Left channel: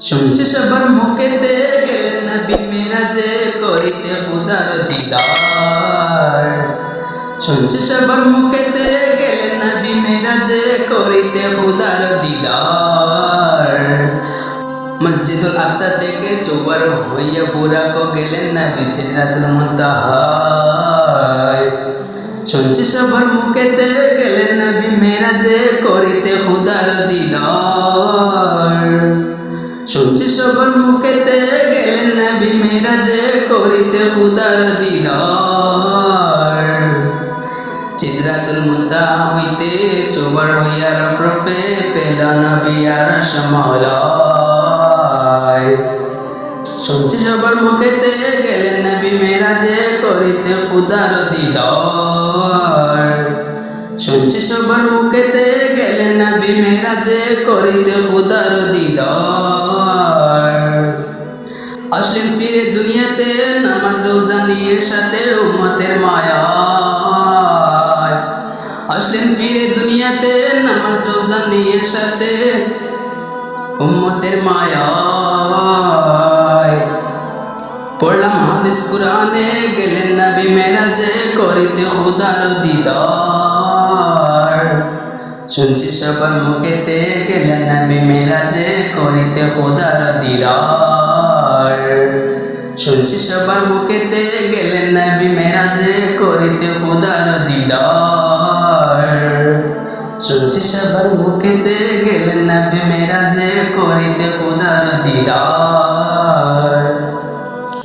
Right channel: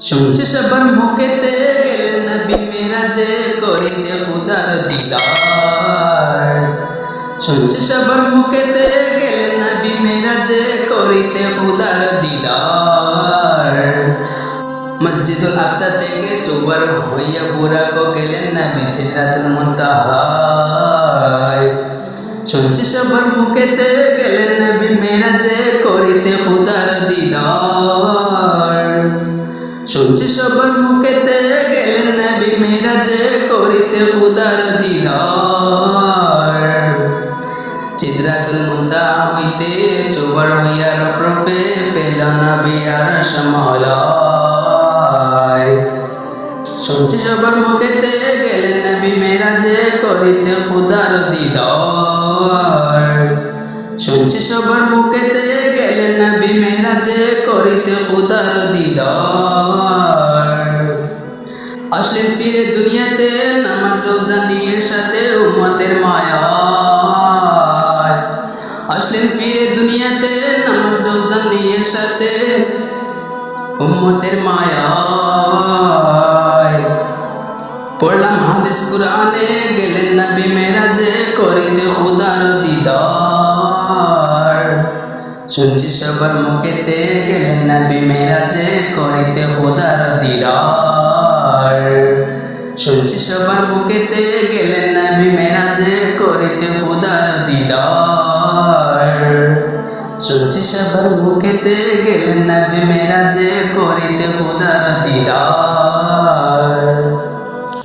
শুনছি সবার মুখেতে গেলেন নবী মেরাজে করিতে খুদার দিদার। শুনছি সবার মুখেতে গেলেন নবী মেরাজে করিতে খুদার দিদার। মসজিদুল আকসা থেকে চৌবার হইয়া বুরাকো গেলেন নবী সিদরাতুল মুনতাহায়। শুনছি সবার মুখেতে গেলেন নবী মেরাজে করিতে খুদার দিদার। শুনছি সবার মুখেতে গেলেন নবী মেরাজে করিতে খুদার দিদার। সিদরাতুল মুনতাহা হইতে চৌবার হইয়া রফরফে পেল নবী আরশ মাওলায়। শুনছি সবার মুখেতে গেলেন নবী মেরাজে করিতে খুদার দিদার। শুনছি সবার মুখেতে গেলেন নবী মেরাজে করিতে খুদার দিদার। আসলেন ফিরে দুনিয়াতে নামাজ রোজা নিয়ে সাথে উম্মতের মায়ায়। আসলেন ফিরে দুনিয়াতে নামাজ রোজা নিয়ে সাথে উম্মতের মায়ায়। পড়লাম হাদিস কুরআনে গেলেন নবী মেরাজে করিতে খুদার দিদার। শুনছি সবার মুখেতে গেলেন নবী মেরাজে করিতে খুদার দিদার। শুনছি সবার মুখেতে গেলেন নবী মেরাজে করিতে খুদার দিদার। শুনছি সবার মুখেতে গেলেন নবী মেরাজে করিতে খুদার দিদার।